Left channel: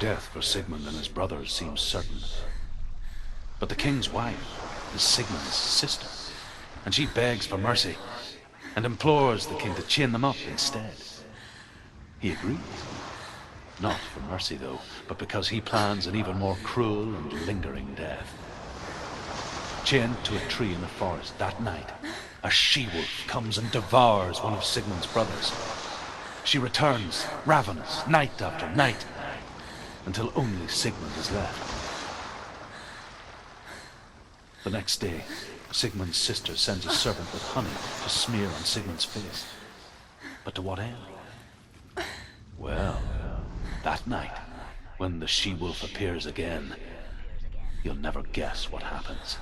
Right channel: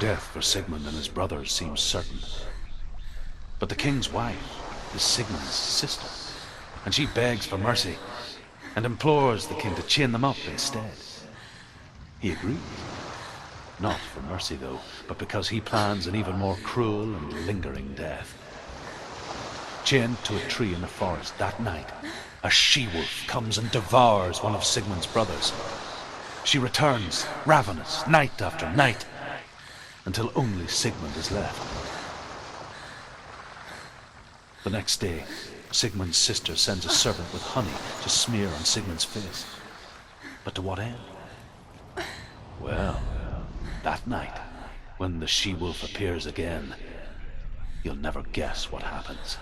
Death for Sigmund and his brothers seems certain. But the king's wife is Sigmund's sister, and she begs for mercy and implores the king to chain them up instead. He agrees. Not for mercy, though, but because he plans an even more cruel and lingering death. Chained to a tree in the forest that night, a she-wolf comes and devours one of Sigmund's brothers. She returns, ravenous, night after night, until only Sigmund is left. The next day, Sigmund's sister sends a servant with honey to smear on Sigmund's face. But to what end? Well, that night, when the she-wolf appears again, you'll never guess what happens.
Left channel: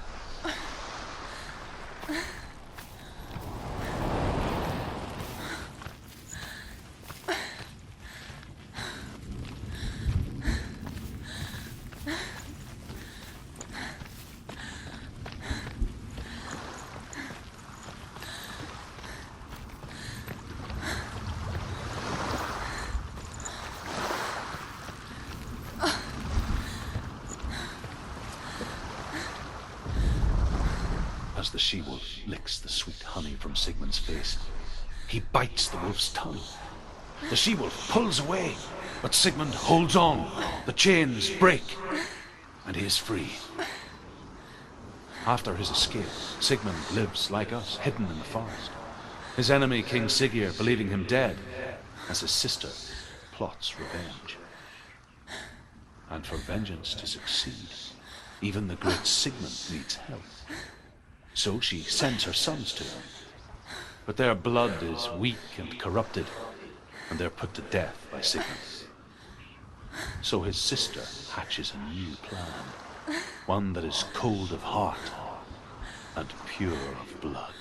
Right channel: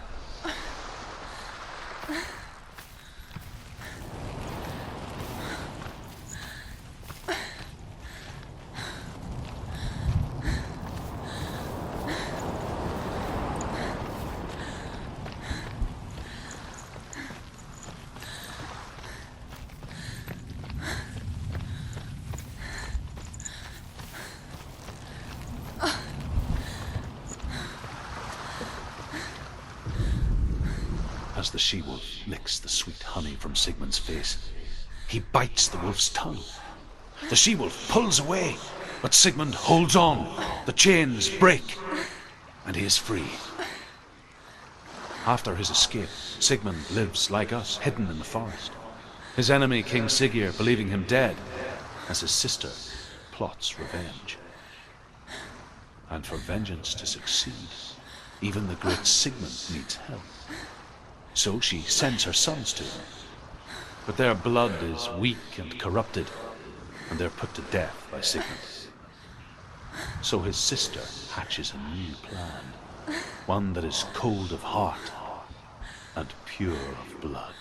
As the she-wolf licks the sweet honey from Sigmund's face, he bites the wolf's tongue. The she-wolf pulls away, but Sigmund holds on. The chains break, and he is free. After his escape, Sigmund lives like us, hidden in the forest. His enemy, King Siggeir, believing him dead, as his sister plots revenge. And for vengeance to succeed, even the great Sigmund needs help. So she sends her sons to him. But their blood is weak and corrupted, and they're put to death by Sigmund. So his sister hatches a new plan, one that is cold of heart and pure of blood.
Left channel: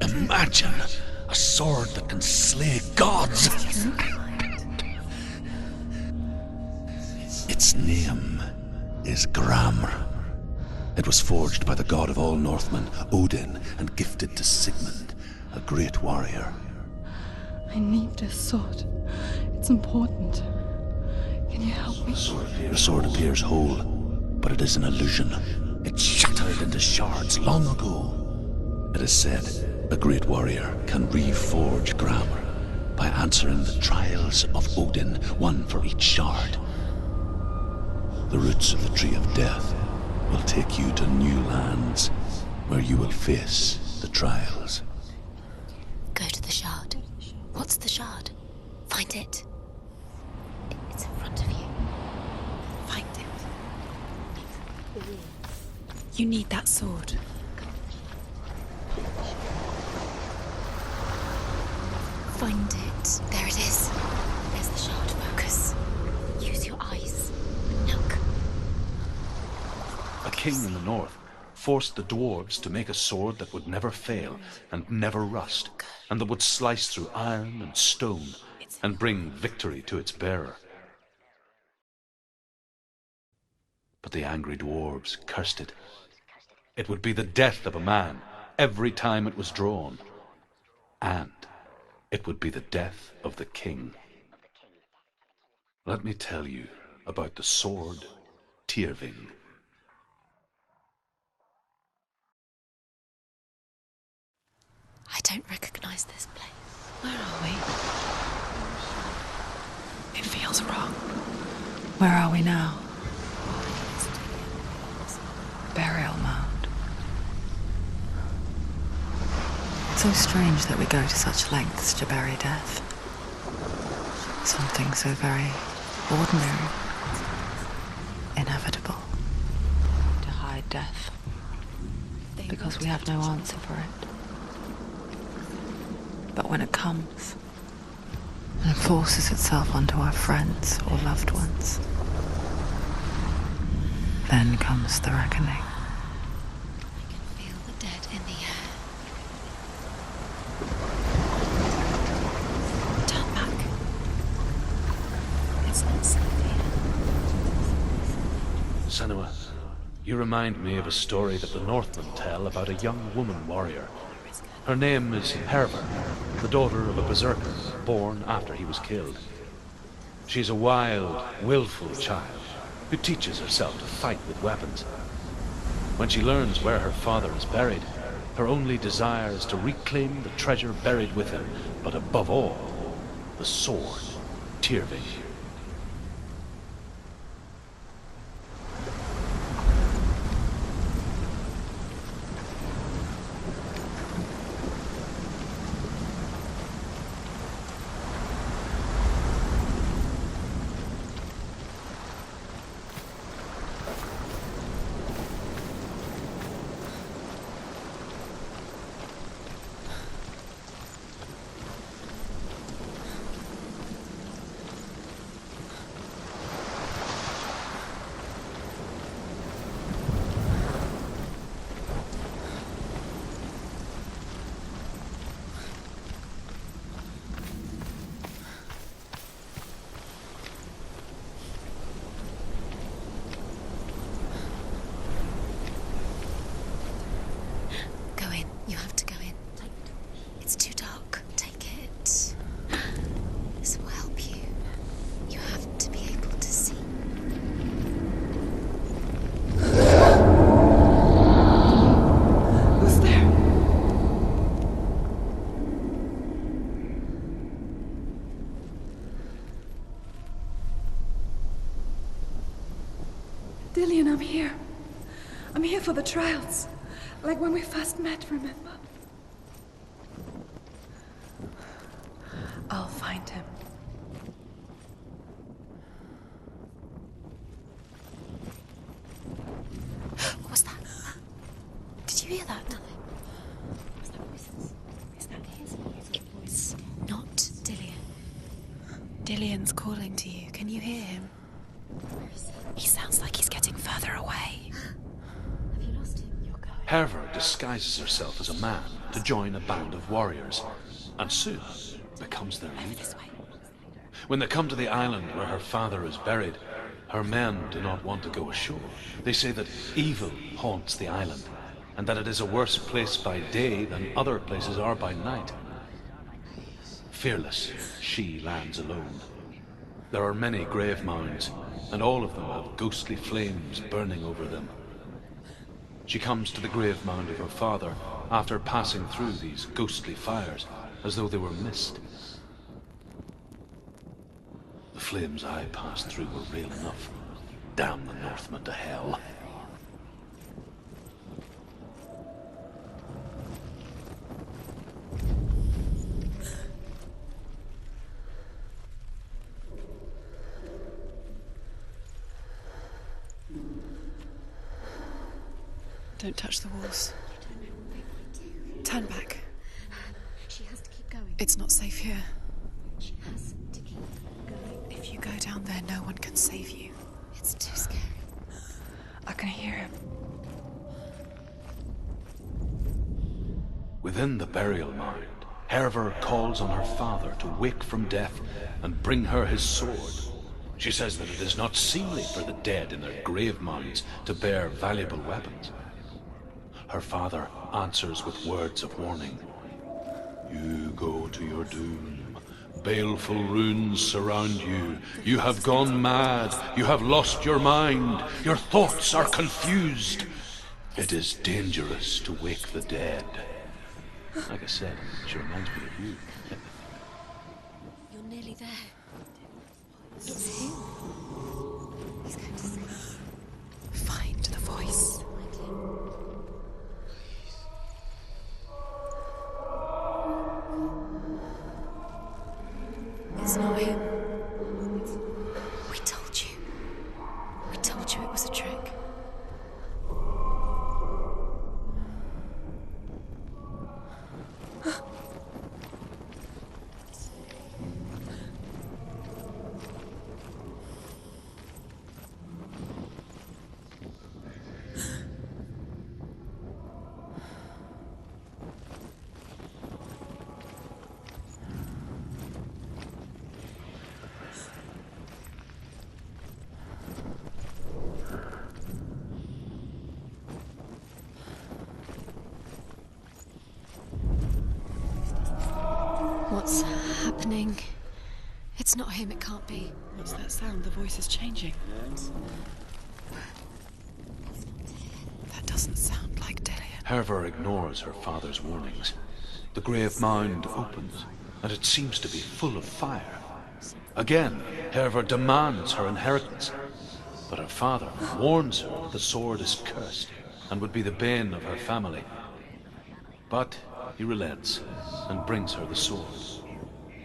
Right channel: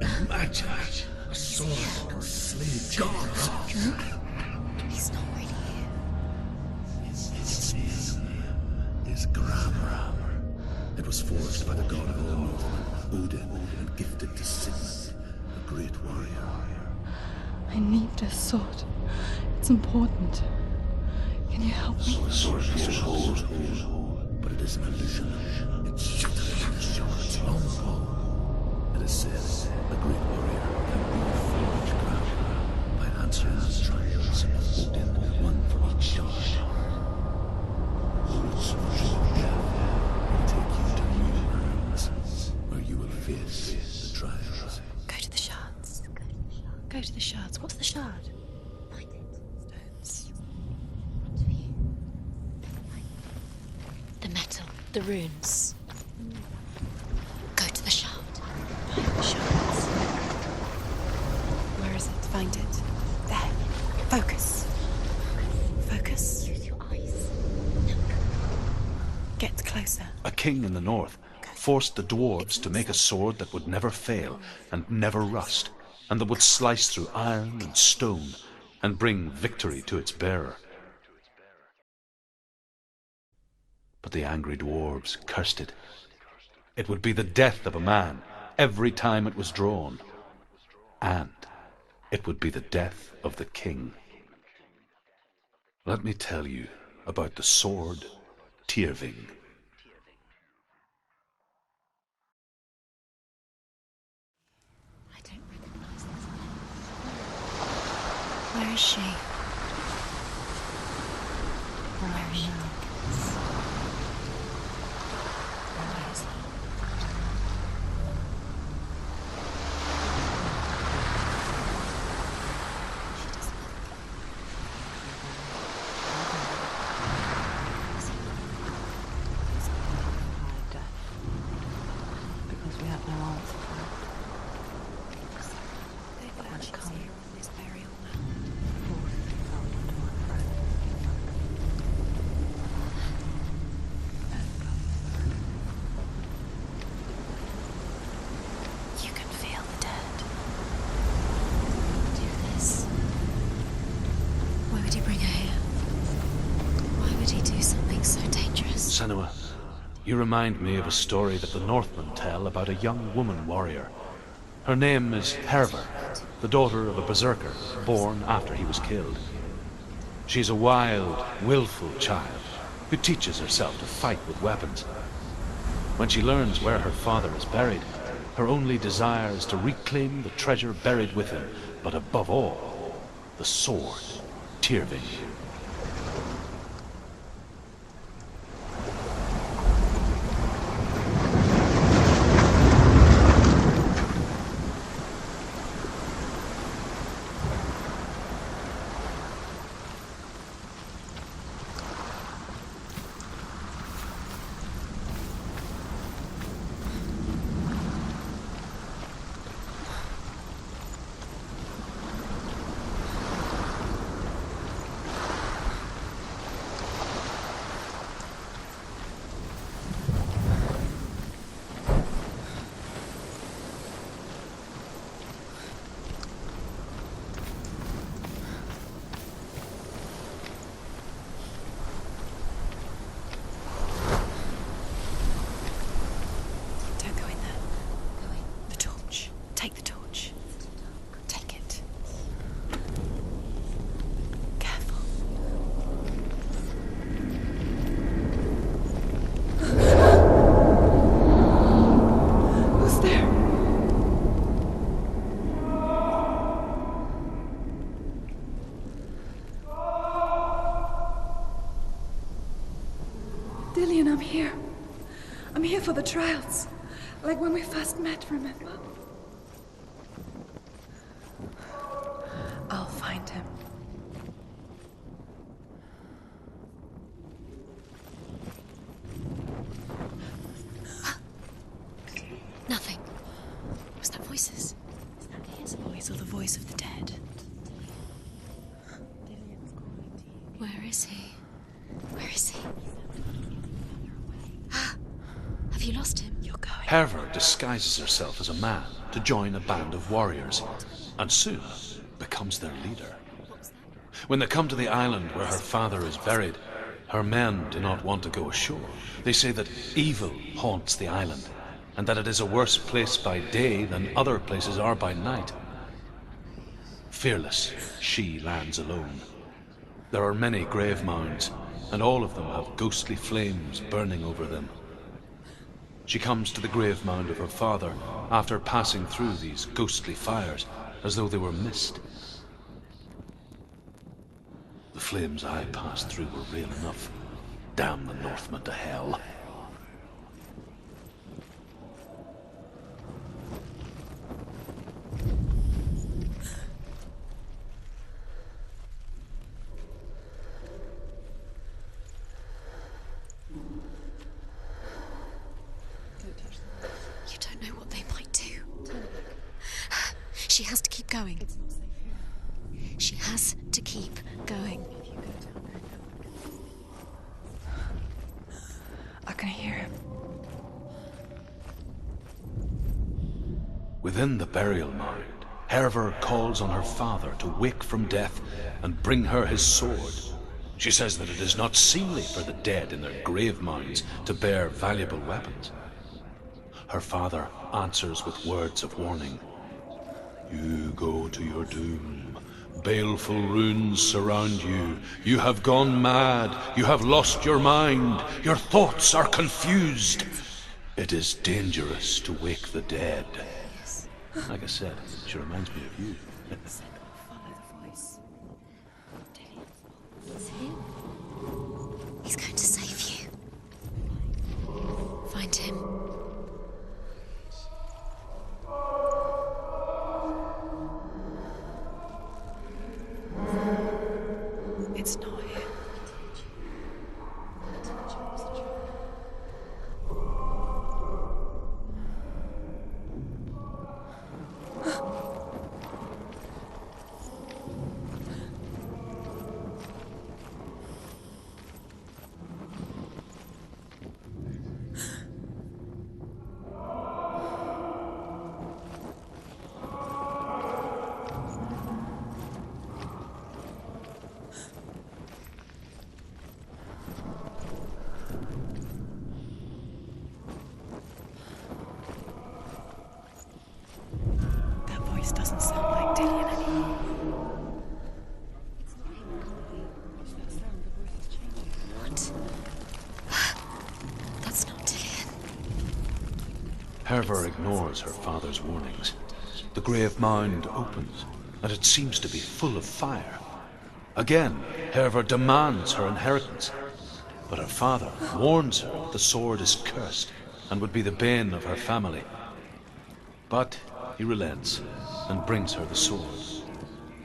Imagine a sword that can slay gods. Its name is Gramr. It was forged by the god of all Northmen, Odin, and gifted to Sigmund, a great warrior. I need this sword. It's important. Can you help me? The sword appears whole, but it is an illusion. It shattered into shards long ago. It is said a great warrior can reforge Gramr by answering the trials of Odin, one for each shard. The roots of the Tree of Death will take you to new lands where you will face the trials. Go to the shards. Go to the shard. Go to the shards. What's the shard? Find it. It's in front of you. Find it. The metal. The runes. You need that sword. Go to the shard. The shards. Where is it? Find it. There it is. Focus. There's the shard. Focus. Focus. Use your eyes. Look. Get closer. A king in the north forced the dwarves to make a sword that would never fail and never rust, and that would slice through iron and stone and bring victory to its bearer. But the angry dwarves cursed it. It would be the death of a man every time it was drawn, and it would be the death of the king. Let me tell you about the sword Tyrving. I don't recognize this place. Where are we? Where is she? It feels wrong. Where are we now? Burial mound. So strange that we go to such lengths to bury death. Something so very ordinary, inevitable. To hide death. Because we have no answer for it. But when it comes, and forces itself onto our friends or loved ones, then comes the reckoning. Dead in the air. You can feel the dead. Turn back. Why would he bring her here? It's not so weird. Why would he do something so dangerous? Senua, you remind me of a story that the Northmen tell about a young woman warrior. Her name is Herver, the daughter of a berserker, born after he was killed. She's a wild, willful child who teaches herself to fight with weapons. When she learns where her father is buried, her only desire is to reclaim the treasure buried with him, but above all, the sword, Tyrving. Don't go in there. Go in. You have to go in. Take the torch. It's too dark. Take it. This will help you. Careful. You have to be able to see. Who's there? Dillion, I'm here. I'm here for the trials. Like when we first met, remember? I'll find him. What was that? Did you hear that? Nothing. Was that voices? Is that his voice or the voice of the dead? Not Dillion. Dillion's calling to you. Can you Where is hear? he? Where is he? He sounds like he's getting further away. Have you lost him? You're going. Herver disguises herself as a man to join a band of warriors, and soon becomes their leader. When they come to the island where her father is buried, her men do not want to go ashore. They say that evil haunts the island, and that it is a worse place by day than other places are by night. Fearless, she lands alone. There are many grave mounds, and all of them have ghostly flames burning over them. She comes to the grave mound of her father after passing through these ghostly fires, as though they were mist. The flames I passed through were real enough. Damn the Northmen to hell. Don't touch the walls. You don't know what they might do. Turn back. She has to keep going. It's not safe here. She has to keep going. If you go down there, no one can save you. It's too scary. I can hear him. Within the burial mound, Herver calls on her father to wake from death and bring her his sword. She says that it is not seemly for the dead in their grave mounds to bear valuable weapons. Her father answers with words of warning. You go to your doom, Baleful runes surround you. You have gone mad. You have lost your mind. Your thoughts are confused. It is dangerous to wake the dead. Like I said, she reminds me of you. You're nearly there. It's him. He's going to save you. Find the voice. Find him. It's not him. It's not him. We told you. We told you it was a trick. Doesn't sound like Dillion. What's happening? It's not him, it can't be. What's that sound? The voice is changing. What? That's not Dillion. That doesn't sound like Dillion. Herver ignores her father's warnings. The grave mound opens, and it seems to be full of fire. Again, Herver demands her inheritance. But her father warns her that the sword is cursed, and would be the bane of her family. But he relents and brings her the sword.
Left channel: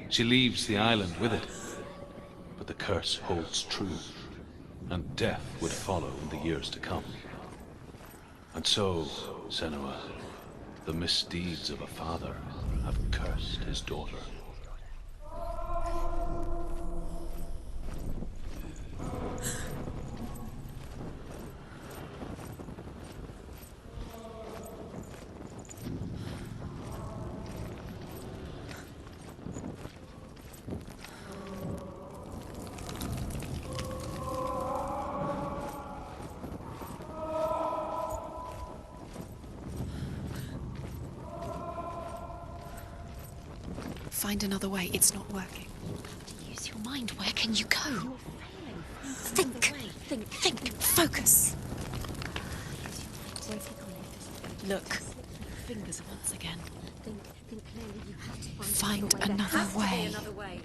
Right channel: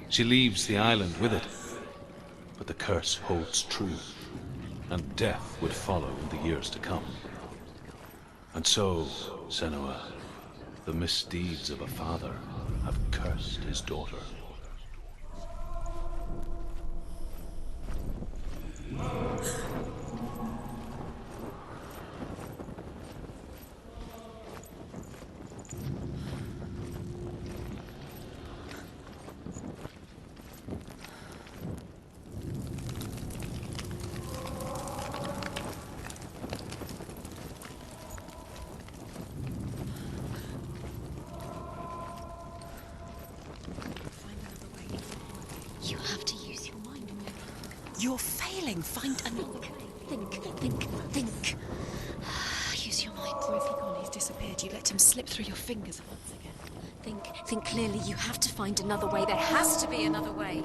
She leaves the island with it, but the curse holds true, and death would follow in the years to come. And so, Senua, the misdeeds of a father have cursed his daughter. Find another way. It's not working. You have to use your mind. Where can you go? You're failing. Find another way. Think. Focus. Use your mind. Where have you gone? He's disappeared. You let him slip through your fingers once again. Think clearly. You have to find another way. There has to be another way.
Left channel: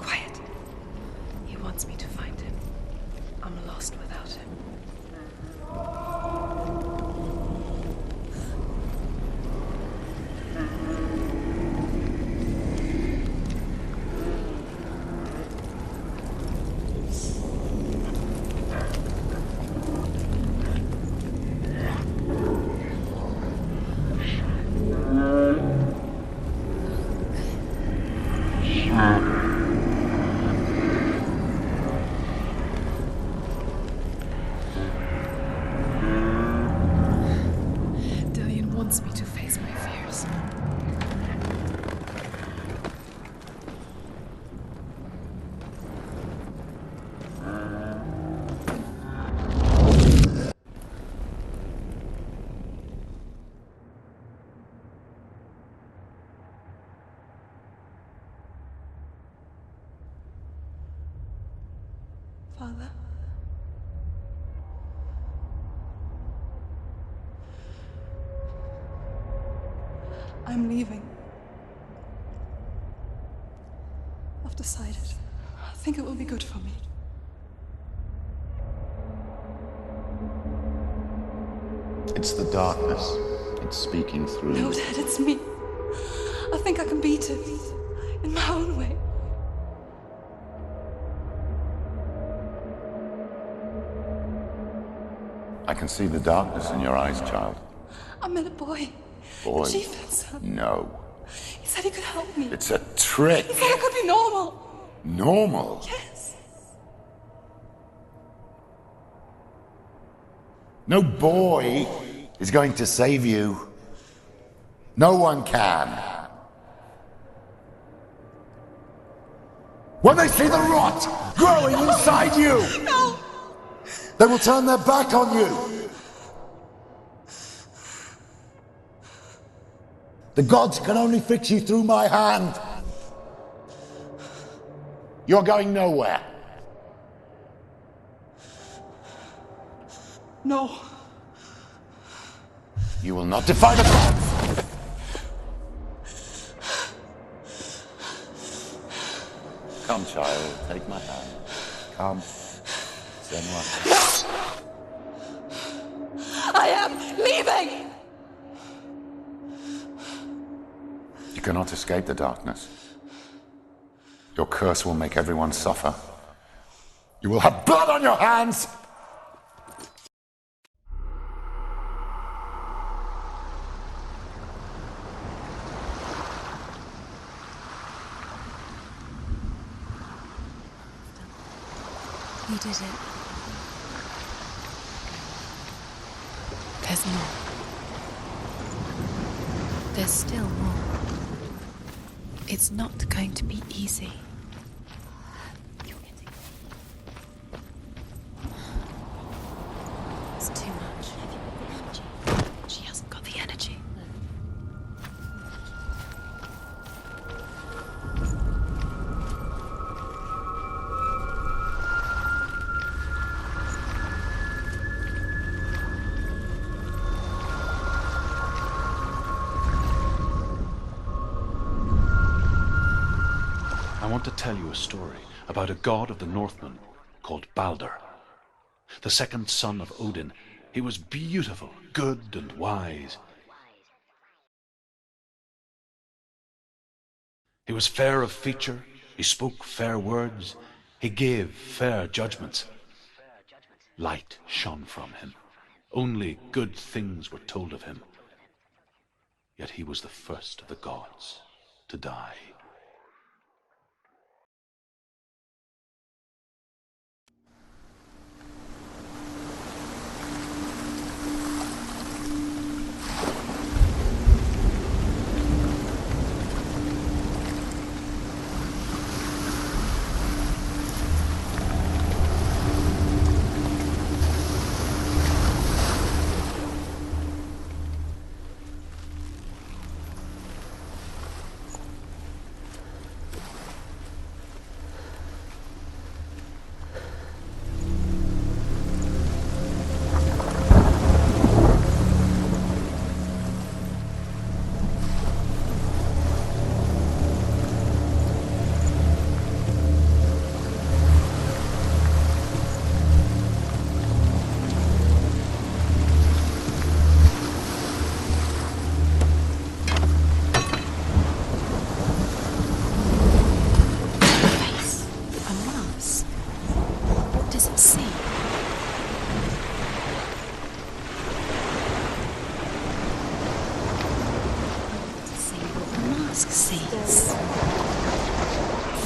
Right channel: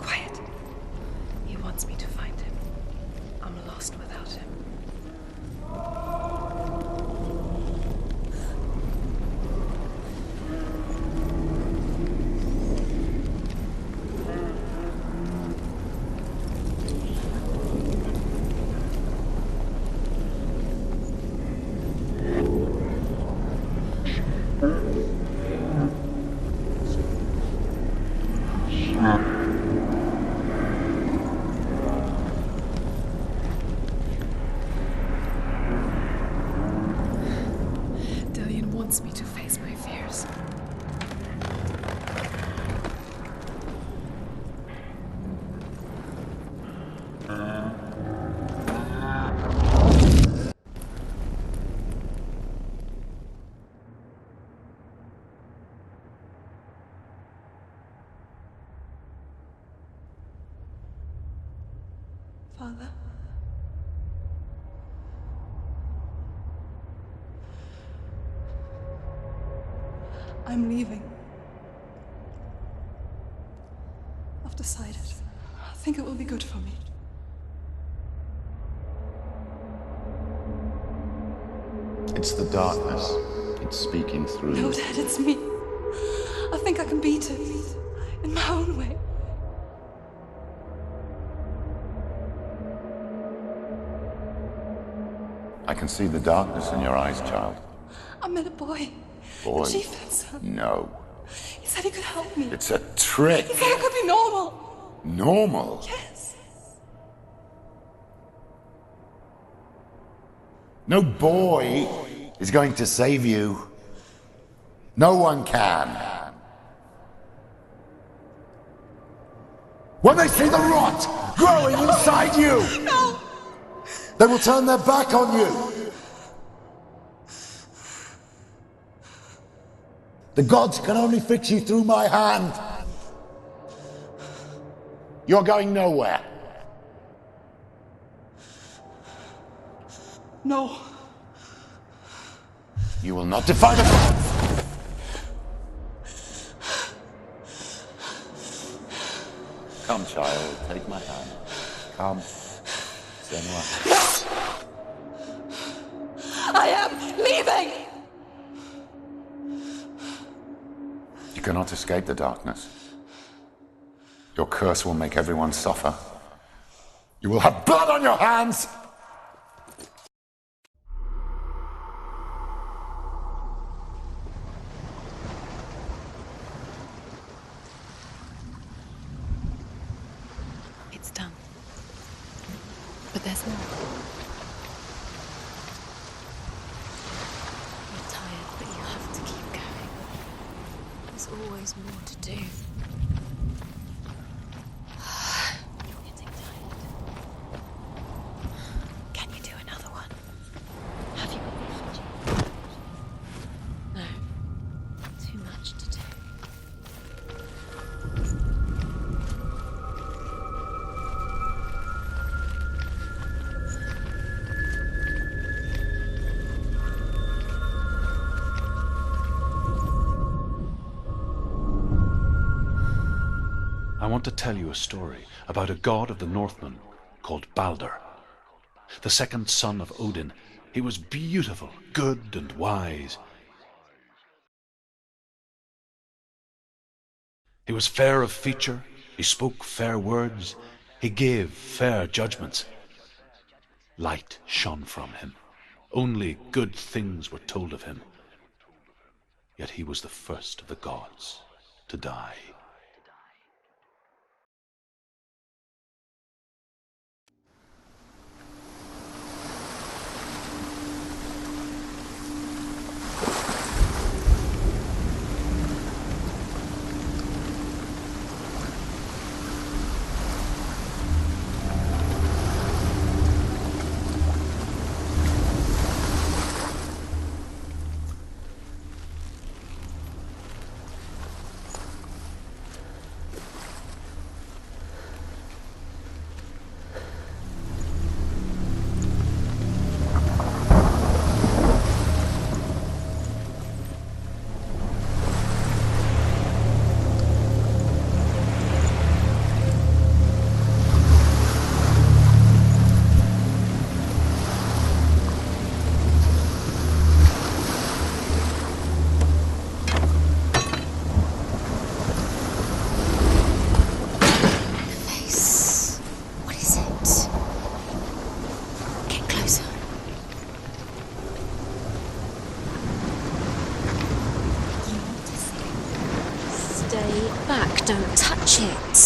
Quiet. He wants me to find him. I'm lost without him. Dillion wants me to face my fears. Father? I'm leaving. I've decided. I think it will be good for me. It's the darkness. It's speaking through No, you. Dad, it's me. I think I can beat it. In my own way. I can see the darkness in your eyes, child. I met a boy. Boy? The chieftain's son. No. He said he could help me. It's a trick. He said I could be normal. Normal? Yes. No boy is going to save you. No one can. When they see the rot growing inside you, No! they will turn their back on you. The gods can only fix you through my hand. You're going nowhere. No. You will not defy the gods. Come, child, take my hand. Come. Senua. I am leaving! You cannot escape the darkness. Your curse will make everyone suffer. You will have blood on your hands! It's done. We did it, but there's more. There's more. I'm tired, but you'll have to keep going. There's still more. There's always more to do. It's not going to be easy. You're getting there. Can you do another one? It's too much. Have you got the energy? She hasn't got the energy. No. Too much to do. I want to tell you a story about a god of the Northmen called Balder. The second son of Odin. He was beautiful, good, and wise. He was fair of feature, he spoke fair words, he gave fair judgments. Light shone from him. Only good things were told of him. Yet he was the first of the gods to die.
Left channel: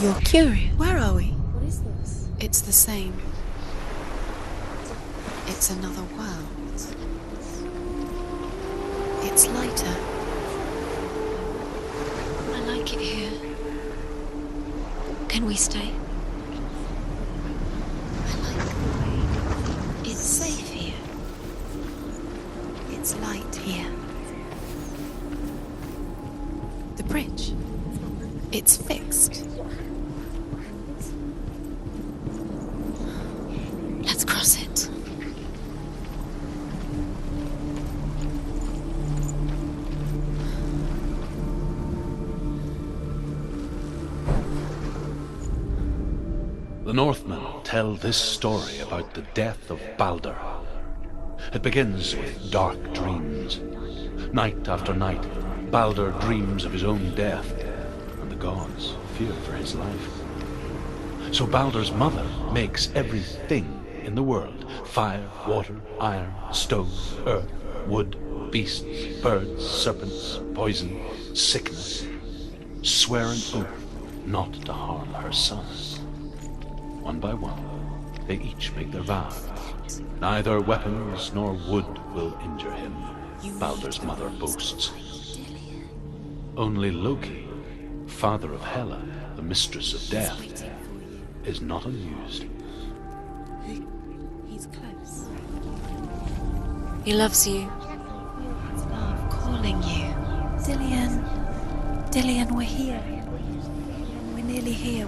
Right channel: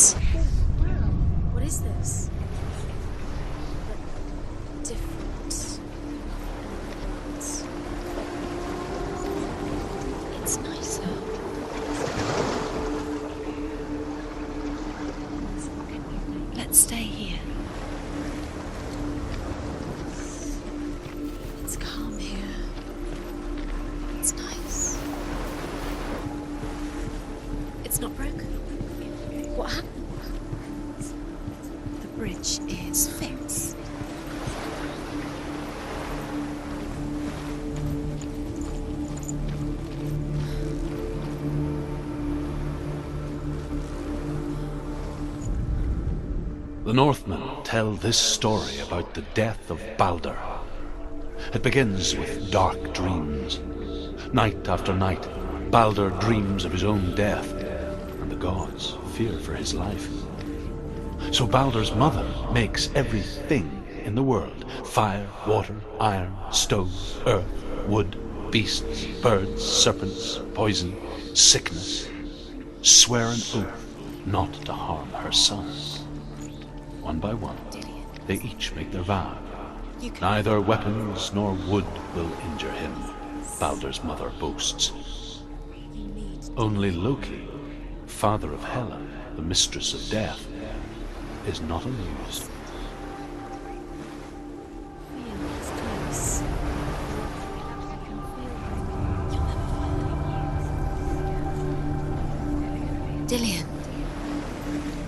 You're curious. Where are we? What is this? It's the same. It's another world. It's lighter. It's nicer. I like it here. Can we stay? Let's stay here. I like it. It's safe here. It's calm here. It's light here. It's nice. The bridge. It's not broken. It's fixed. What happened? The bridge is fixed. Let's cross it. The Northmen tell this story about the death of Balder. It begins with dark dreams. Night after night, Balder dreams of his own death, and the gods fear for his life. So Balder's mother makes everything in the world, fire, water, iron, stone, earth, wood, beasts, birds, serpents, poison, sickness, swear an oath not to harm her son. One by one, they each make their vow. Neither weapons nor wood will injure him, Baldur's mother boasts. Only Loki, father of Hela, the mistress of death, is not amused. He's close. He loves you. Calling you. Dillion, we're here. Dillion. We're nearly here.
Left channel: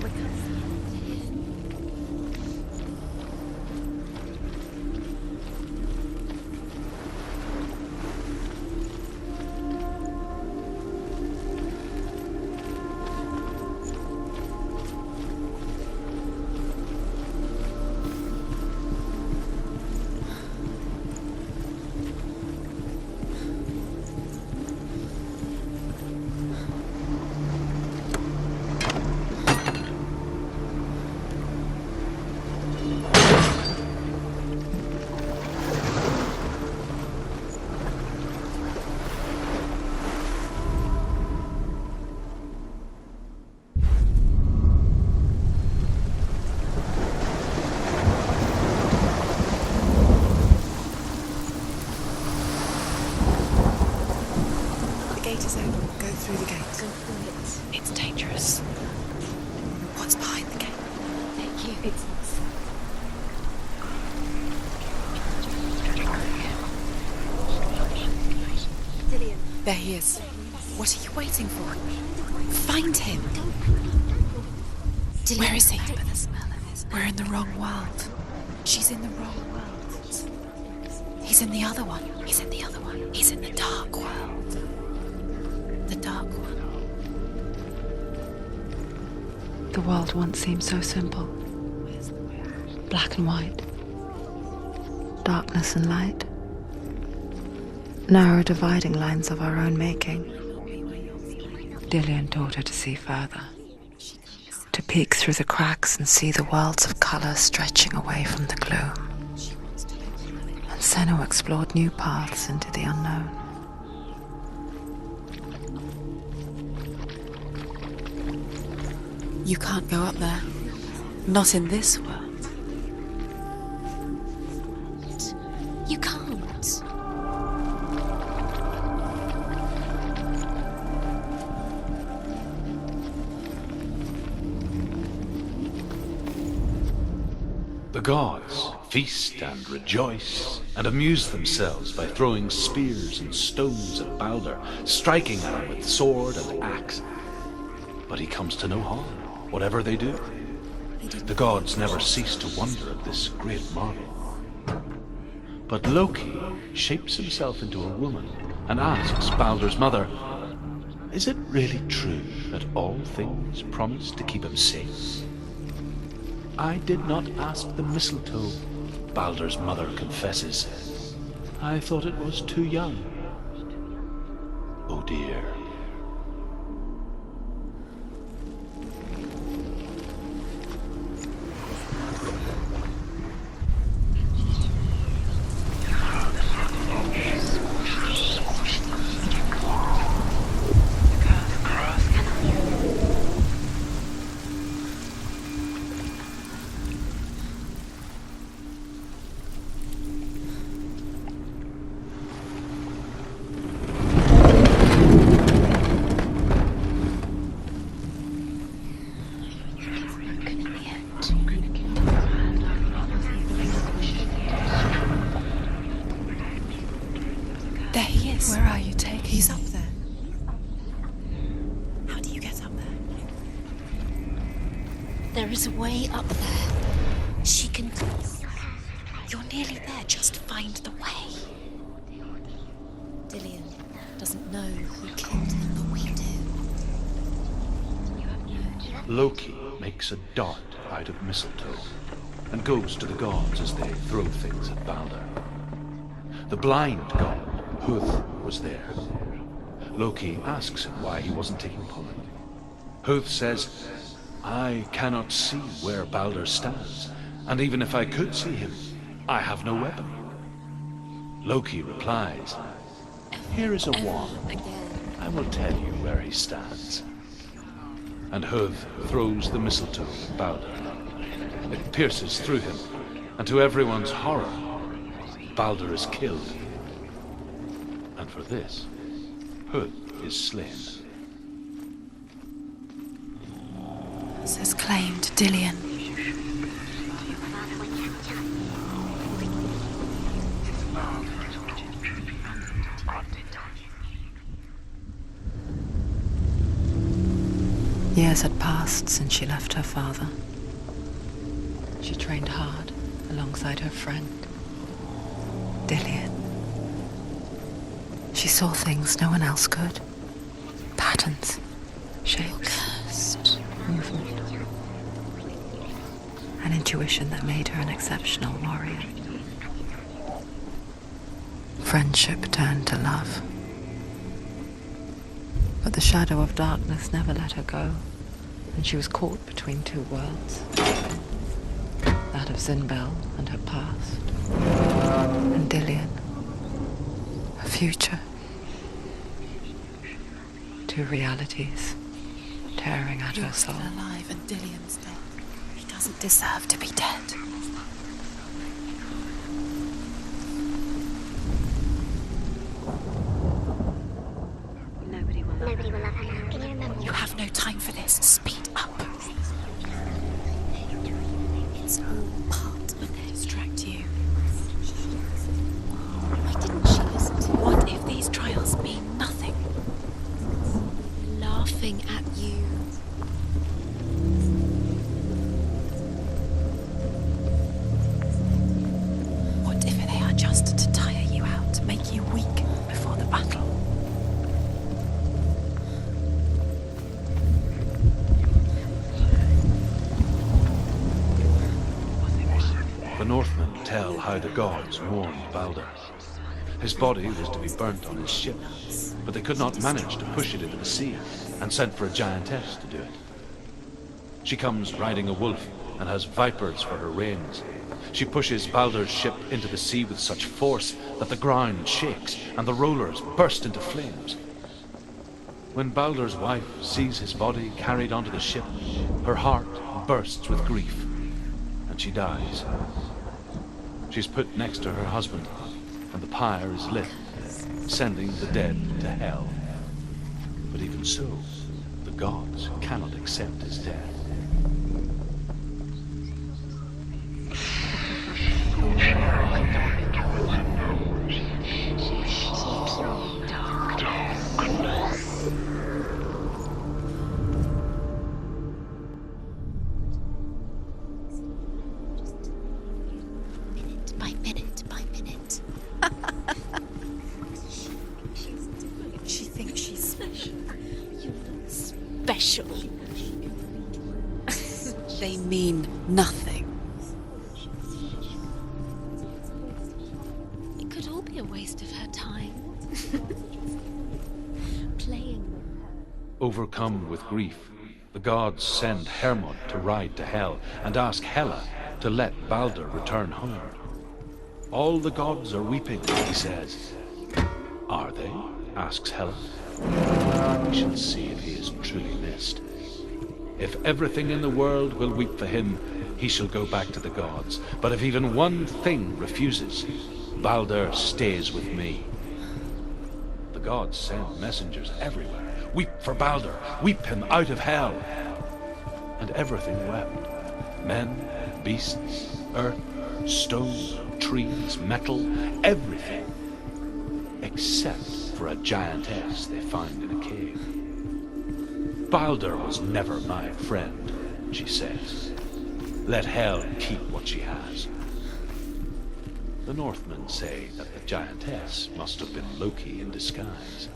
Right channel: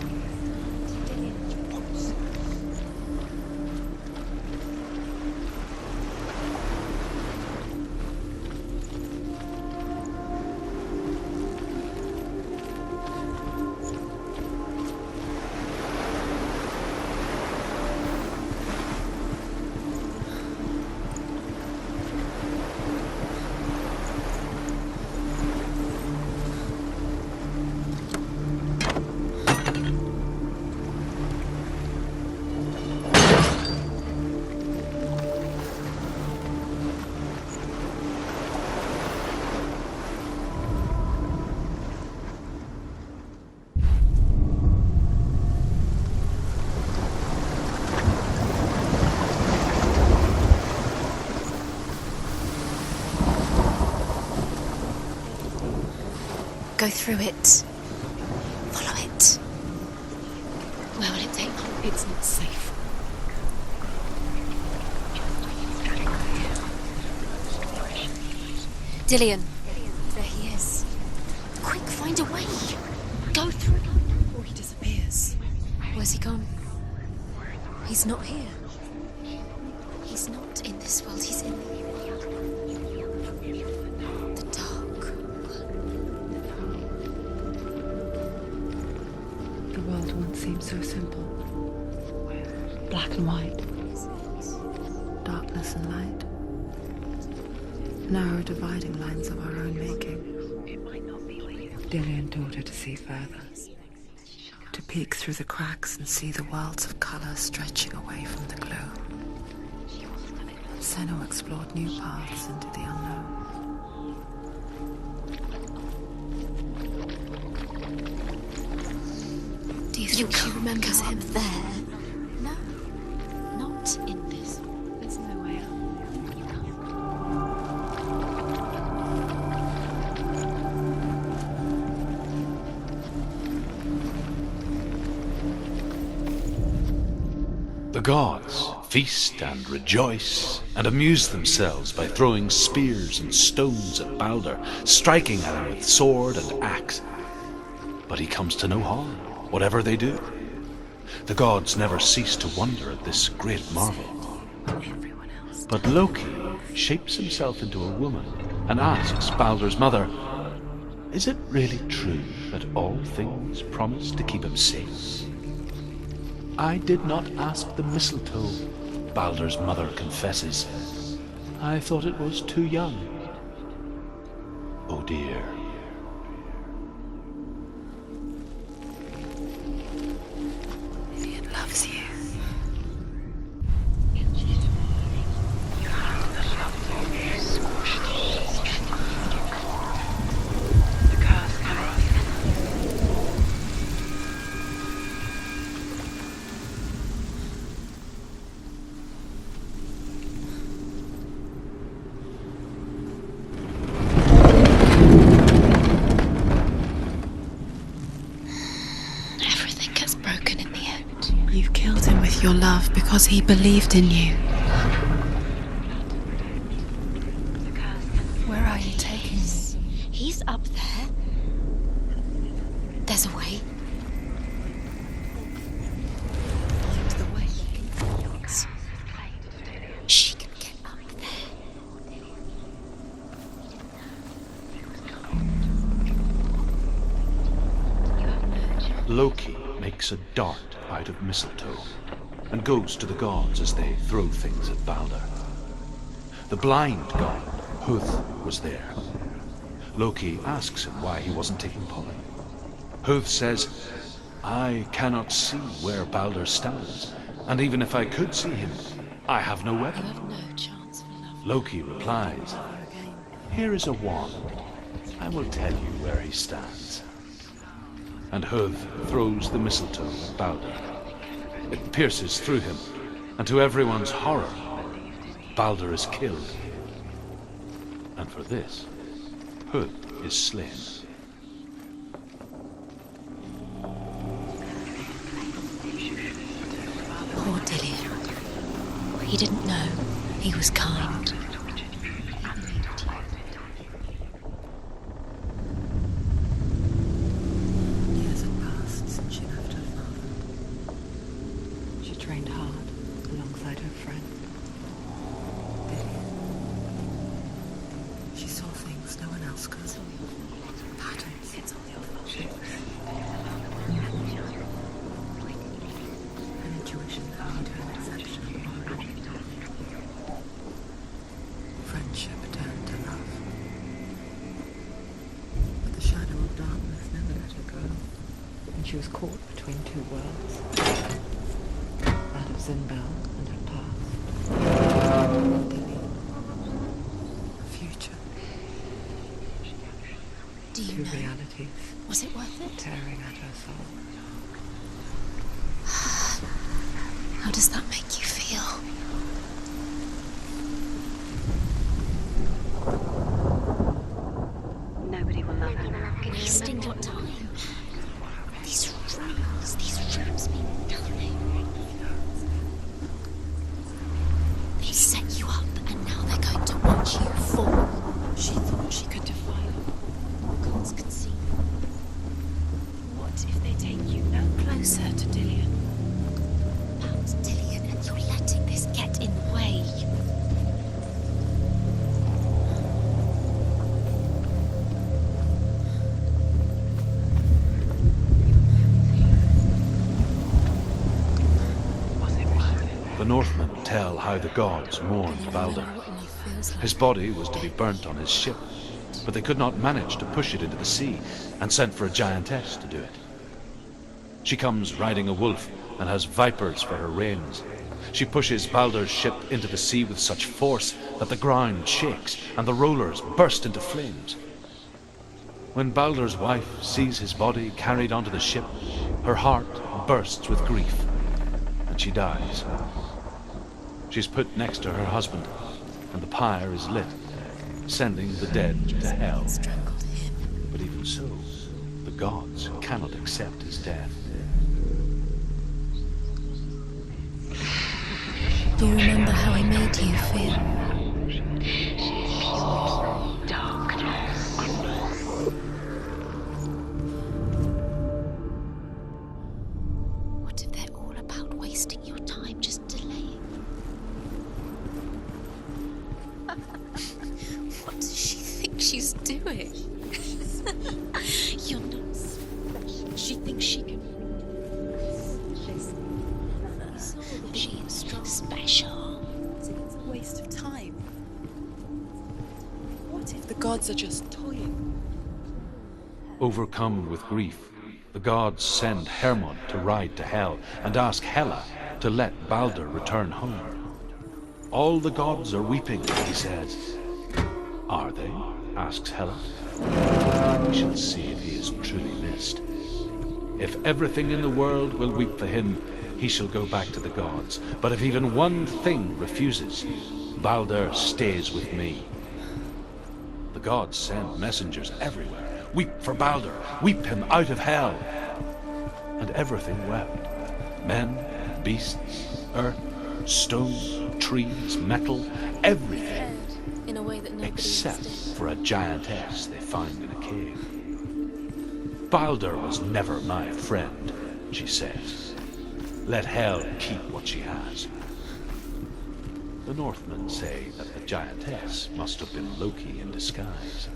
Go through it. It's dangerous. Follow it. What's behind the gate? Where will it take you? It's not safe. Dillion. There he is. There he is. What are you waiting for? Quick, find a way. Find him. Go through it before he disappears. Disappears. Where is he? Where's he gone? We're in the wrong world. He's not here. She's in the wrong world. He's not in this world. He's in the other one. He's in the other one. He's in the dark world. The dark. The dark world. The world once seemed so simple. Black and white. Darkness and light. Narrow dividing lines of our own making. Dillion taught her to see further. To peek through the cracks and see the worlds of colour stretching away from the gloom. And Senua explored new paths into the unknown. You can't go up there. He remembers him. Not in this world. Not in this world. You can't. The gods feast and rejoice and amuse themselves by throwing spears and stones at Baldur, striking at him with sword and axe. But he comes to no harm, whatever they do. The gods never cease to wonder at this great marvel. But Loki shapes himself into a woman and asks Baldur's mother, is it really true that all things promise to keep him safe? I did not ask the mistletoe, Baldur's mother confesses. I thought it was too young. Oh dear. He loves you. You've killed him with your love because he believed in you. There he is. Where are you taking him? He's up there. How do you get up there? There's a way. There is a way up there. She can do it. You're nearly there. She'll find the way. Dillion doesn't know who killed him, but we do. Loki makes a dart out of mistletoe and goes to the gods as they throw things at Baldur. The blind god, Huth, was there. Loki asks him why he wasn't taking part. Huth says, I cannot see where Baldur stands, And even if I could see him, I have no weapon. Loki replies, "Here is a wand. I will tell you where he stands." And Huv throws the mistletoe at Balder. It pierces through him, and to everyone's horror, Balder is killed. And for this, Huv is slain. Says claim to Dillion. Poor Dillion. He didn't know. He was kind. Years had passed since she left her father. She trained hard alongside her friend, Dillion. She saw things no one else could. Patterns, shapes, movement. An intuition that made her an exceptional warrior. Friendship turned to love. But the shadow of darkness never let her go, and she was caught between two worlds. That of Zinbel and her past, and Dillion, her future. Two realities tearing at her soul. Alive and Dillion's dead. He doesn't deserve to be dead. How does that make you feel? Nobody will love her. You have no time for this. Speed up. It's all part of their distract you. They set you up, and now they're going to watch you. What if these trials mean nothing? Gods can see laughing at you. What if they take you no closer to Dillion? About Dillion, and you're letting this get in the way. What if they are just to tire you out, to make you weak before the battle? The Northmen tell how the gods mourned Balder. His body was to be burnt on his ship, but they could not manage to push it into the sea, and sent for a giantess to do it. She comes riding a wolf and has vipers for her reins. She pushes Balder's ship into the sea with such force that the ground shakes and the rollers burst into flames. When Balder's wife sees his body carried onto the ship, her heart bursts with grief, and she dies. She's put next to her husband, and the pyre is lit, sending the dead to hell. But even so, the gods cannot accept his death. Do you remember how I made you feel? What if they're all about wasting your time, just delaying it by minute by minute? What does she think she's doing? You're special. She thinks she can. They mean nothing. She is special. It's a waste of time. Could all be a waste of her time. The gods are just Playing. Overcome with grief, the gods send Hermod to ride to Hell and ask Hela to let Balder return home. All the gods are weeping, he says. Are they? Asks Hela. We shall see if he is truly missed. If everything in the world will weep for him, he shall go back to the gods. But if even one thing refuses, Balder stays with me. The gods send messengers everywhere. Weep for Balder, weep him out of hell. And everything wept. Men, beasts, earth, stone, trees, metal, everything. In a way that nobody Except for a giantess they find in a cave. Balder was never my friend, she says. Let Hel keep what she has. The Northmen say that the giantess must have been Loki in disguise.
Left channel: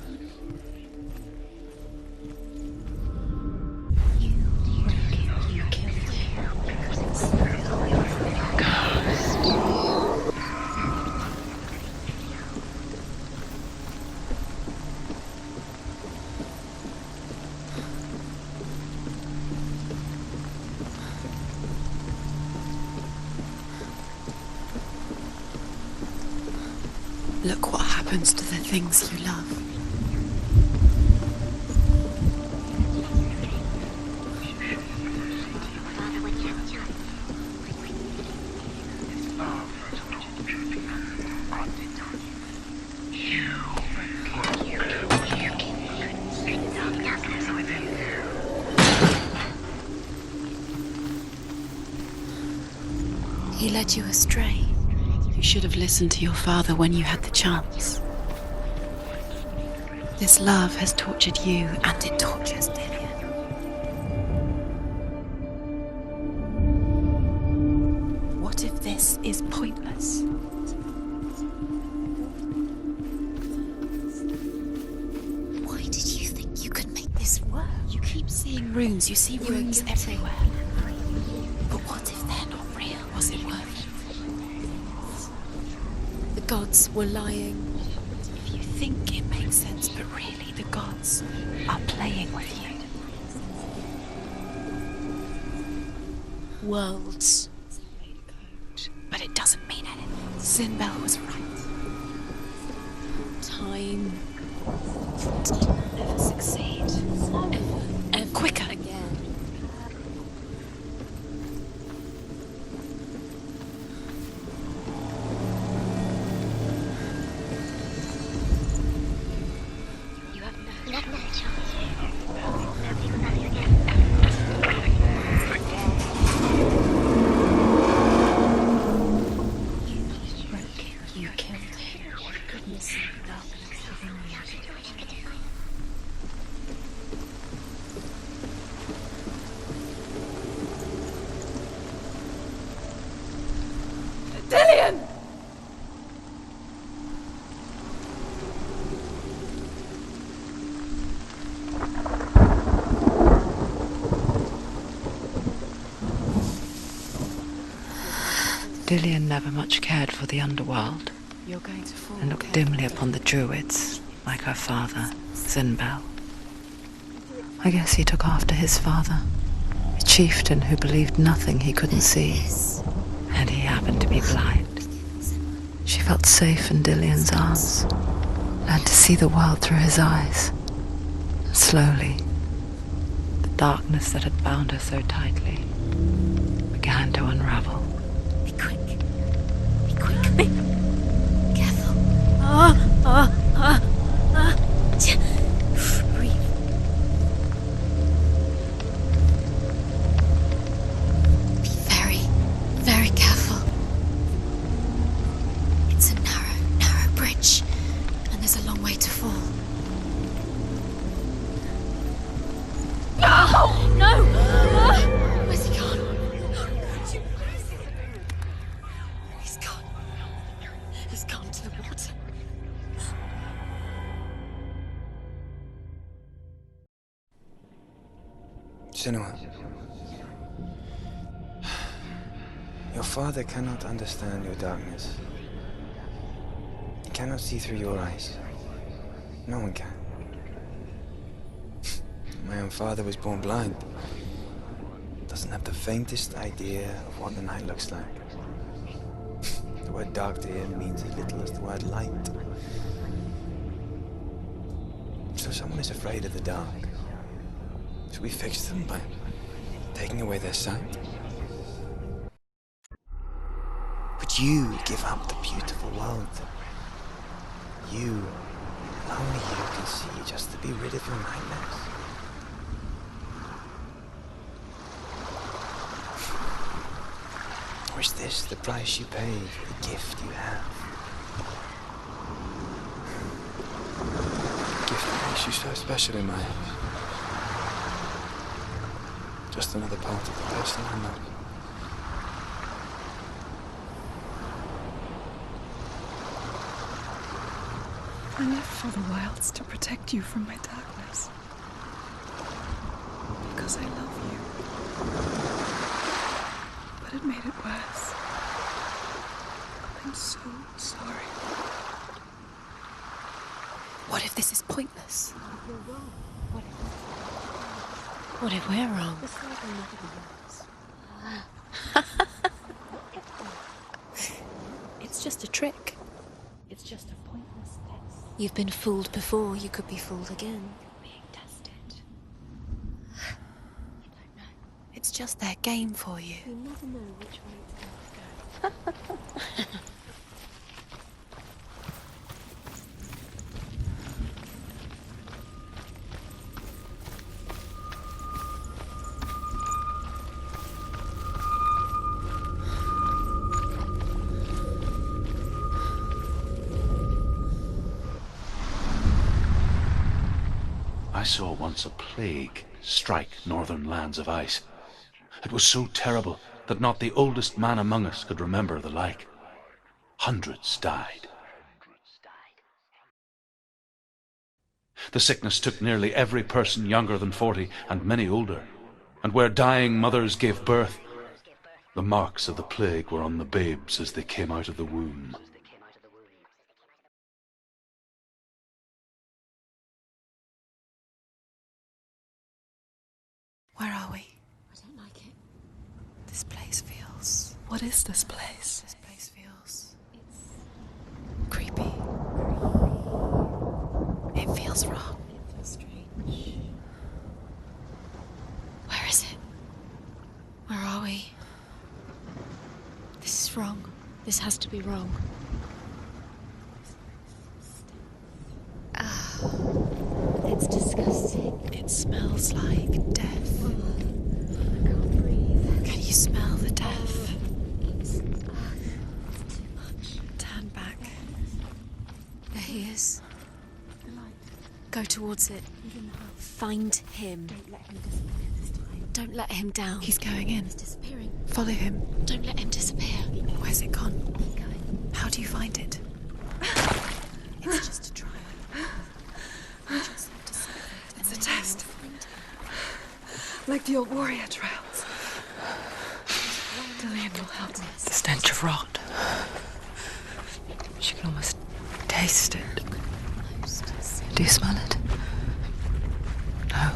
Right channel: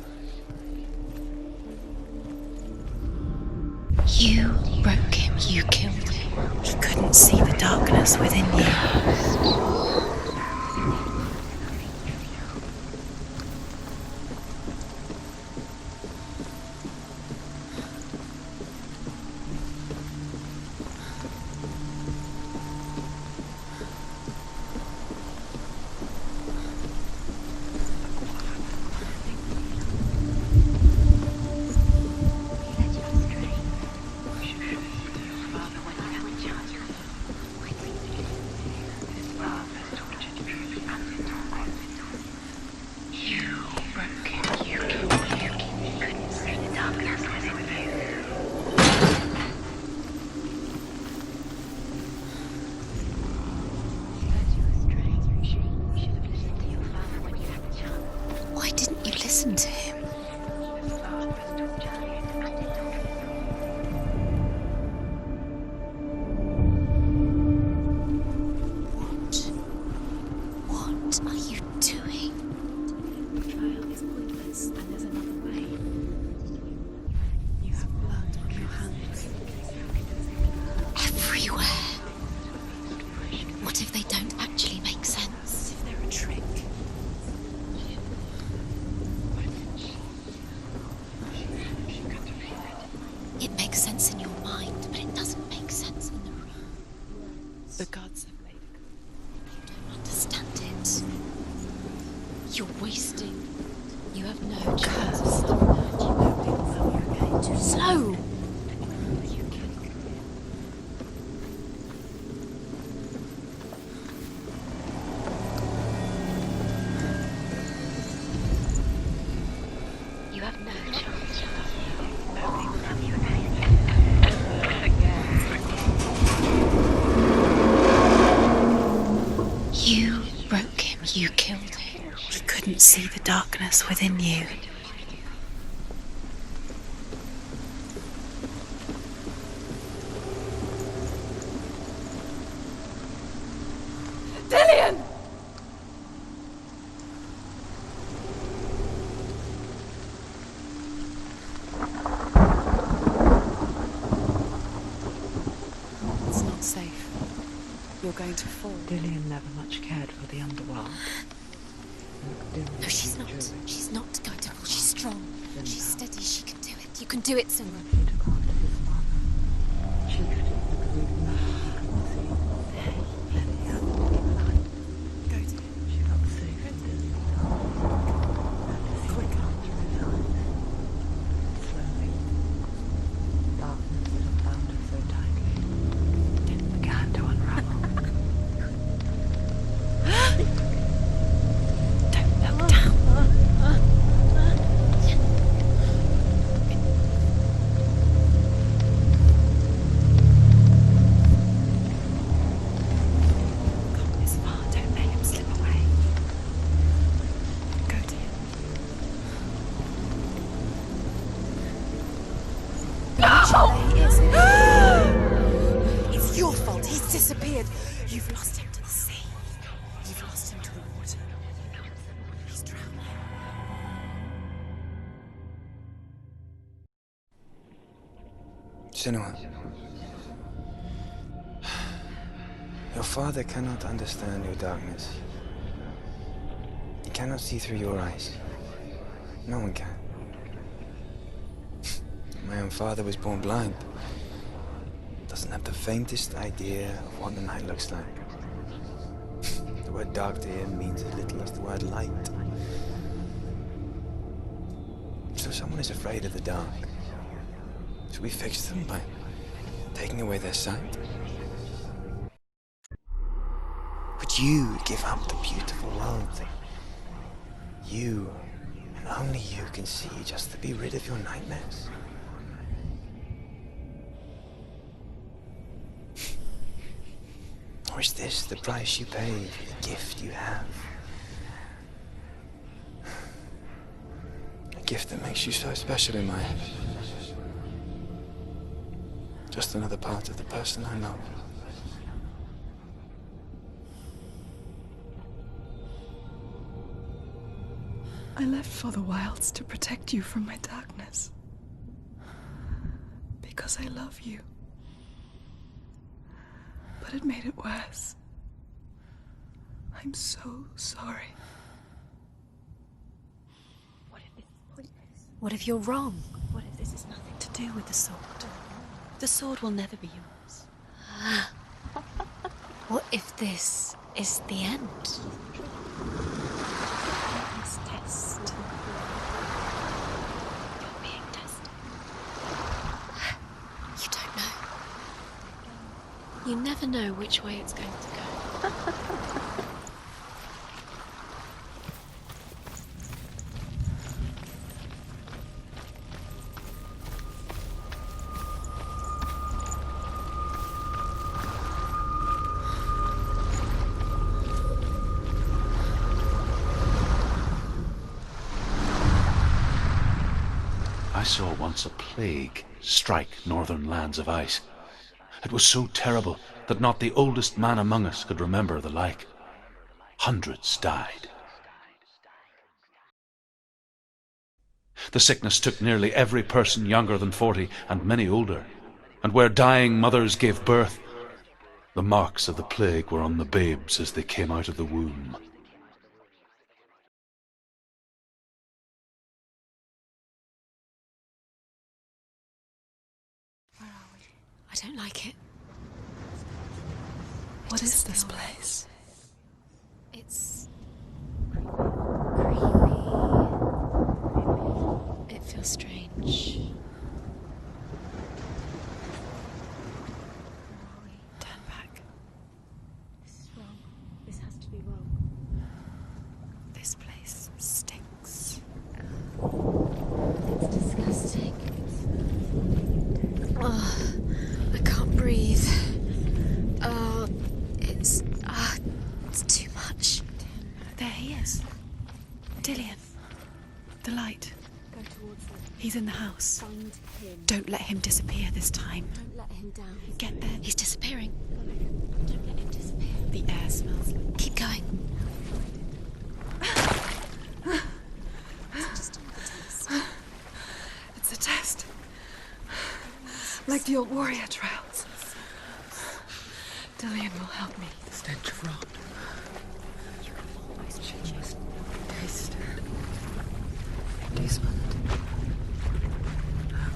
You broke him, you killed him. He couldn't see the darkness within you. Look what happens to the things you love. He led you astray. You should have listened to your father when you had the chance. Why didn't you listen to him? This love has tortured you, and it tortures Dillion. What if this is pointless? What are you doing? Why did you think you could make this work? You keep seeing runes. You see runes everywhere. Everywhere. What if they're not real? What if they don't actually make sense? The gods were lying. You think it makes sense, but really the gods are playing with you. It makes sense in your mind, but it doesn't make sense in the worlds. The gods vote, but it doesn't mean anything. Sinbel was right. You're wasting time. You have no Cursed. succeed. So quicker. You have no You broke him. You killed him. You couldn't see the darkness within you. Dillion! It's not safe. You're going to fall. Dillion never much cared for the underworld You're going to fall. and looked dimly upon the druids, like her father, Sinbel. Steady, she can do it. You can do it. I guess he took after his father, a chieftain who believed nothing he couldn't see, and he happened to be blind. She felt safe in Dillion's arms, learned to see the world through his eyes, and slowly, the darkness that had bound her so tightly began to unravel. Be quick. Be quick. Careful. Don't. Breathe. Be very, very careful. This far, don't make him slip away. It's a narrow bridge, and there's a long way to fall. Where's he gone? It's your fault. He's disappeared. You've lost him to the sea. He's gone. You've lost him to the water. He's gone to the water. He's drowned. Senua, your father cannot understand your darkness. He cannot see through your eyes. No one can. My own father was born blind. Doesn't have the faintest idea of what the night looks like. The word dark to him means as little as the word light. So someone is afraid of the dark. Should we fix them by taking away their sight? Would you give up the beautiful world that you, and only you, can see just to be rid of your nightmares? Or is this the price you pay for the gift you have? A gift that makes you so special in my eyes. Just another part of the person I love. I left for the wilds to protect you from my darkness. Because I love you. But it made it worse. I'm so sorry. What if this is pointless? What if you're wrong? What if this has nothing to do with the sword? What if we're wrong? The sword will never be yours. What if this is the end? It's just a trick. You've been fooled before, you could be fooled again. You're being tested. You don't know. It's just their game for you. You never know which way it's going to go. I saw once a plague strike northern lands of ice. It was so terrible that not the oldest man among us could remember the like. Hundreds died. The sickness took nearly every person younger than 40 and many older, and where dying mothers gave birth, the marks of the plague were on the babes as they came out of the womb. Where are we? I don't like it. This place feels... What is this place? This place feels... It's... creepy. It feels wrong. It feels strange. Where is it? Where are we? Turn back. This is wrong. This has to be wrong. This place stinks. It's disgusting. It smells like death. I can't breathe. Can you smell the death? It's too much. Turn back. There he is. Dillion, The light. go towards it. He's in the house. Find him. Don't let him disappear this time. Don't let him down. He's going in. He's disappearing. Follow him. Don't let him disappear. Where's it gone? Keep going. How do you find it? It's just a trial. It's just a test. It's a test. Like the old warrior trials. Dillion will help me. The stench of rot. She can almost taste it. Do you smell it? No.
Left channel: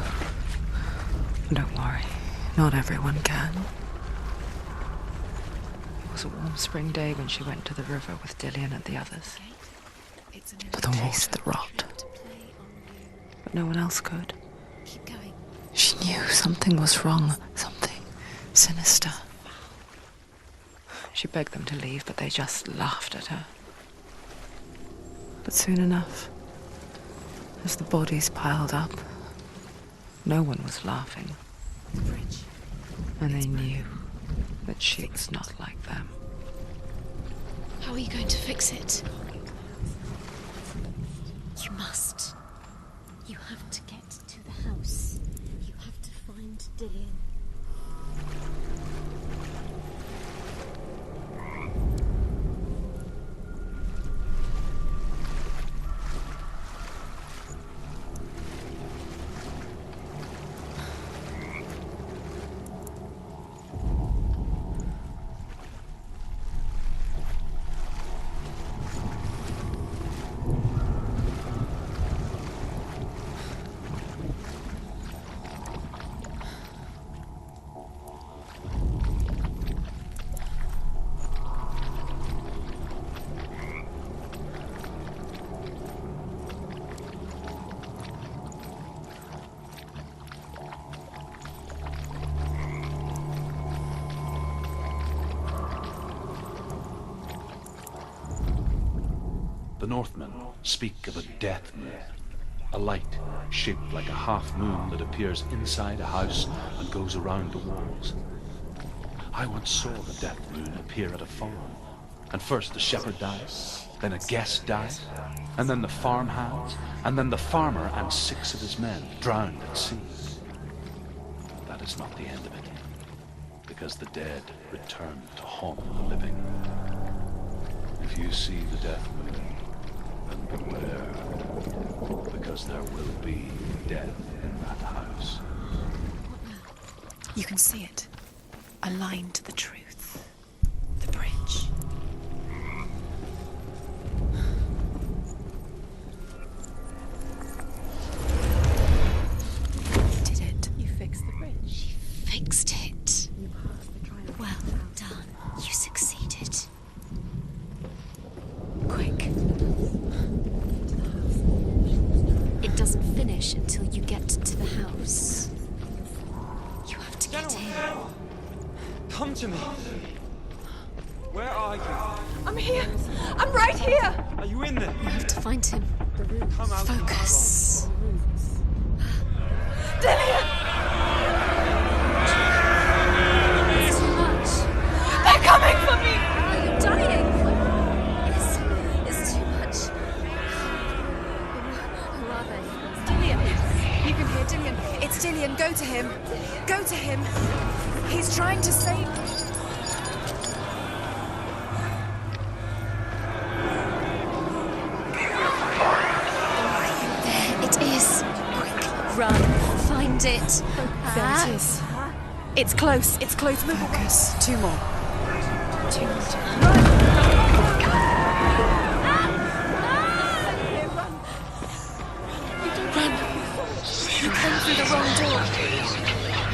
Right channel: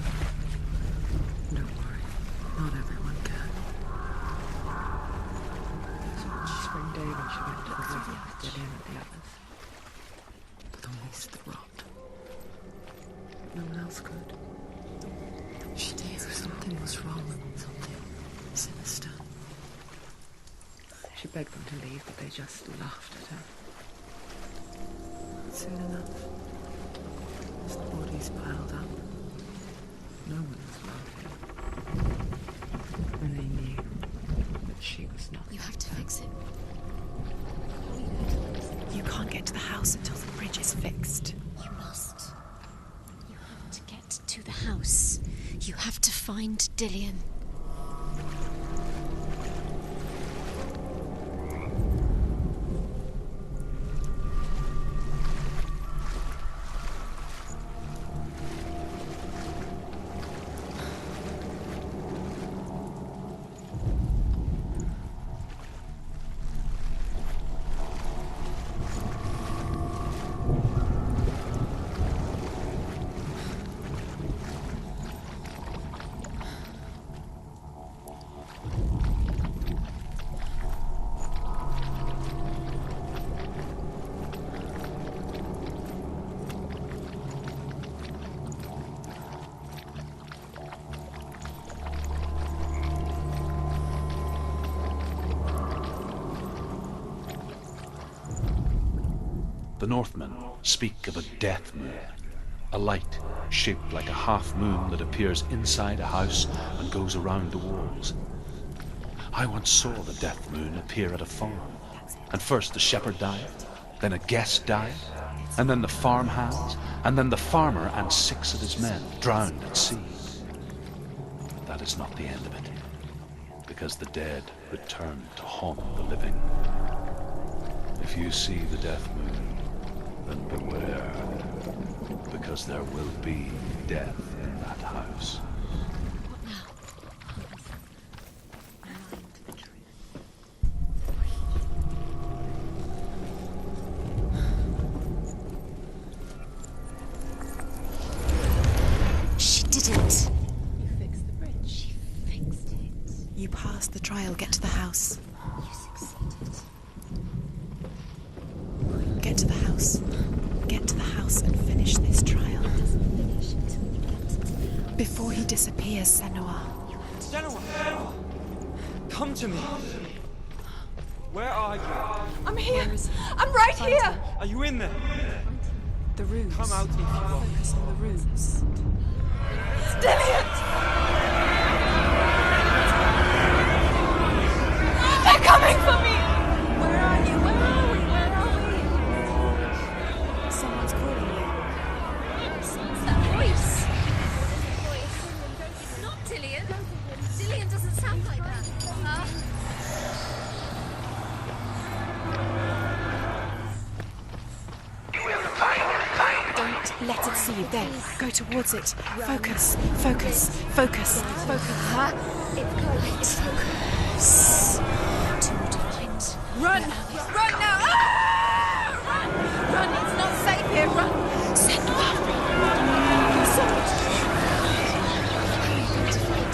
Don't worry. Not everyone can. It was a warm spring day when she went to the river with Dillion and the others. To taste the rot. But no one else could. Keep going. She knew something was wrong. Something sinister. She begged them to leave, but they just laughed at her. But soon enough, as the bodies piled up, no one was laughing. And they knew that she was not You have like to them. fix it. How are you going to fix it? You can't get to the house until the bridge is fixed. You must. You have to get to the house. You have to find Dillion. The Northmen speak of a death moon, a light shaped like a half moon that appears inside a house and goes around the walls. I once saw the death moon appear at a farm, and first the shepherd dies, then a guest dies, and then the farm hands, and then the farmer and 6 of his men drowned at sea. That is not the end of it, because the dead return to haunt the living. If you see the death moon, then beware, because there will be death in that house. What now? You can see it. A line to the truth. The bridge. She did it. Did it? You fixed the bridge. She fixed it. You passed the trial. Get to the house. You succeeded. Quick, get to the house. Get to the house Senua! Come to me! Where are you? I'm here! I'm right here! Are you in there? You have to find him. The room. Come out here, Focus. Rock. The room. Dillion! It's too much. They're coming for me! You're dying. It's too much. Someone's calling you. You can hear Dillion. It's Dillion. Go to him. Dillion? Go to him. He's trying to save you. It is. Go towards it. Run. Find Focus. it. Focus. There it is. It's close. It's close. Focus. Two more. Two more. Run! Run now! Save him! Run! Senua!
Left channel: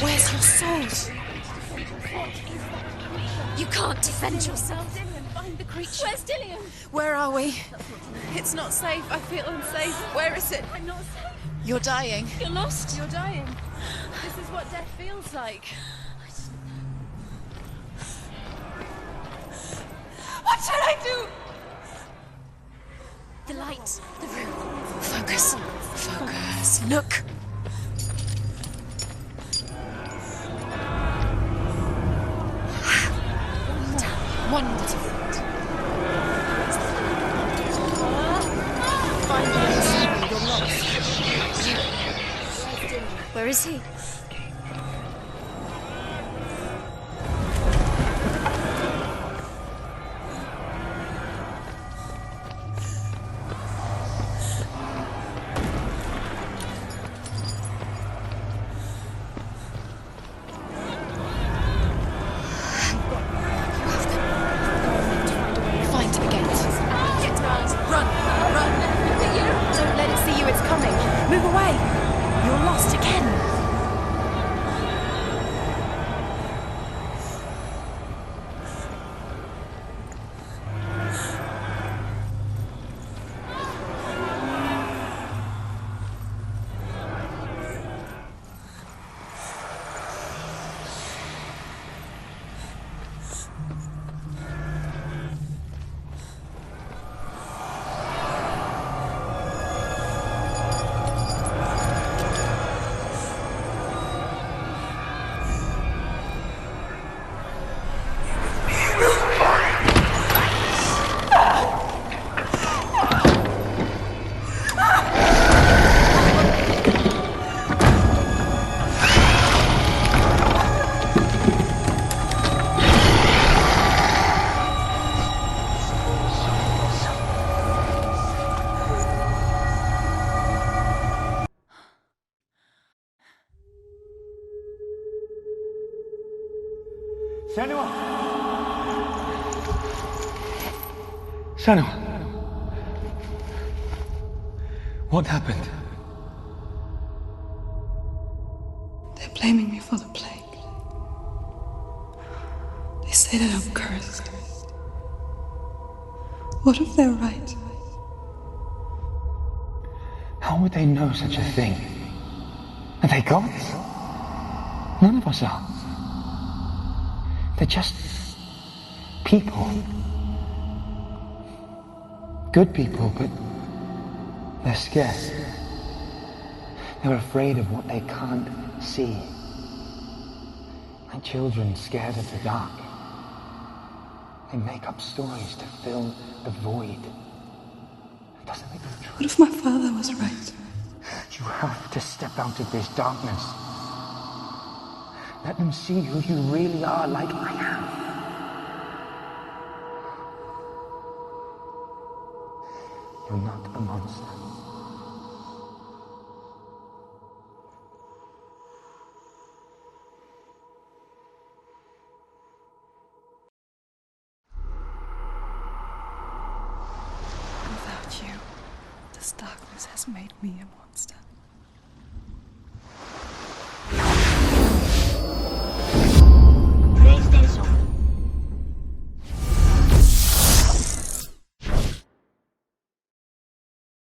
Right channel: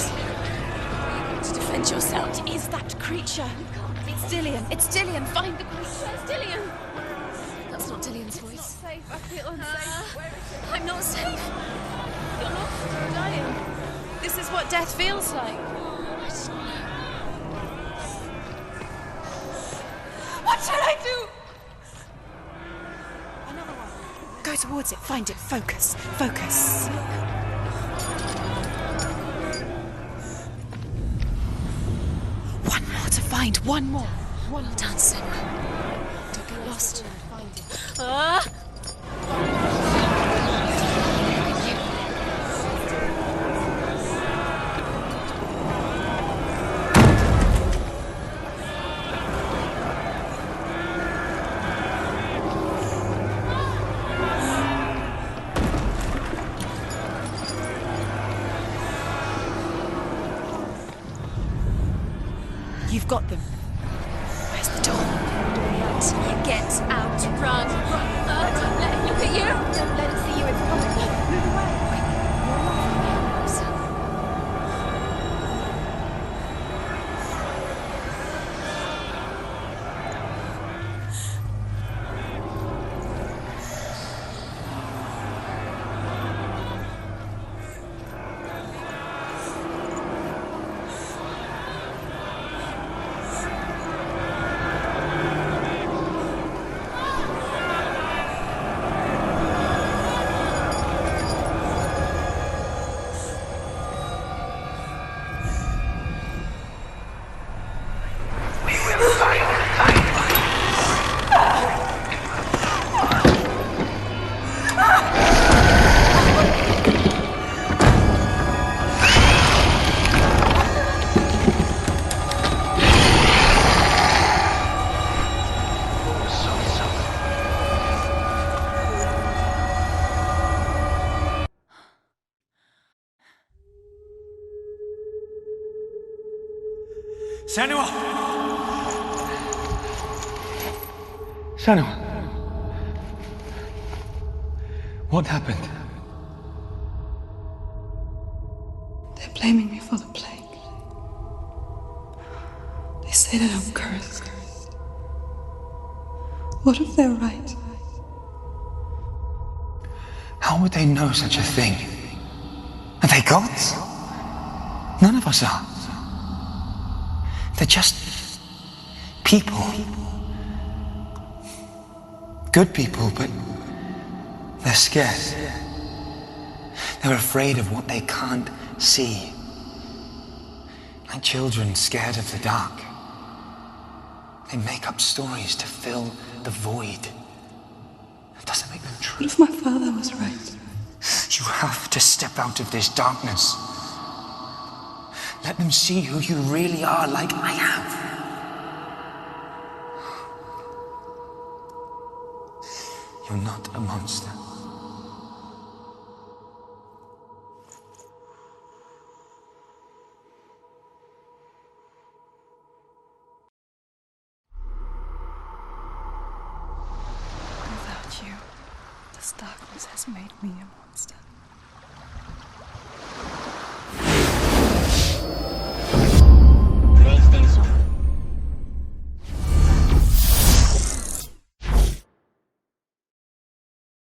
Where's your sword? To defend yourself. What is that creature? You can't defend Dillion. yourself. It's Dillion. Find the creature. Where's Dillion? Where are we? That's not Dillion. It's not safe. I feel unsafe. Where is it? I'm not safe. You're dying. You're lost. You're dying. This is what death feels like. What should I do? The light. Go towards it. Focus. Focus. Focus. Look. One more to find. One more. One more. Dancing. Where is he? You've got them. Where's the door? Find him. Get out. Run. Run. Let him look at you. Don't let it see you. It's coming. Move away. You're lost again. Senua! Senua! What happened? They're blaming me for the plague. They say that I'm cursed. What if they're right? How would they know such a thing? Are they gods? None of us are. They're just people. Good people, but they're scared. They're afraid of what they can't see. Like children scared of the dark. They make up stories to fill the void. It doesn't make them true. What if my father was right? You have to step out of this darkness. Let them see who you really are, like I have. You're not a monster. Without you, this darkness has made me a monster.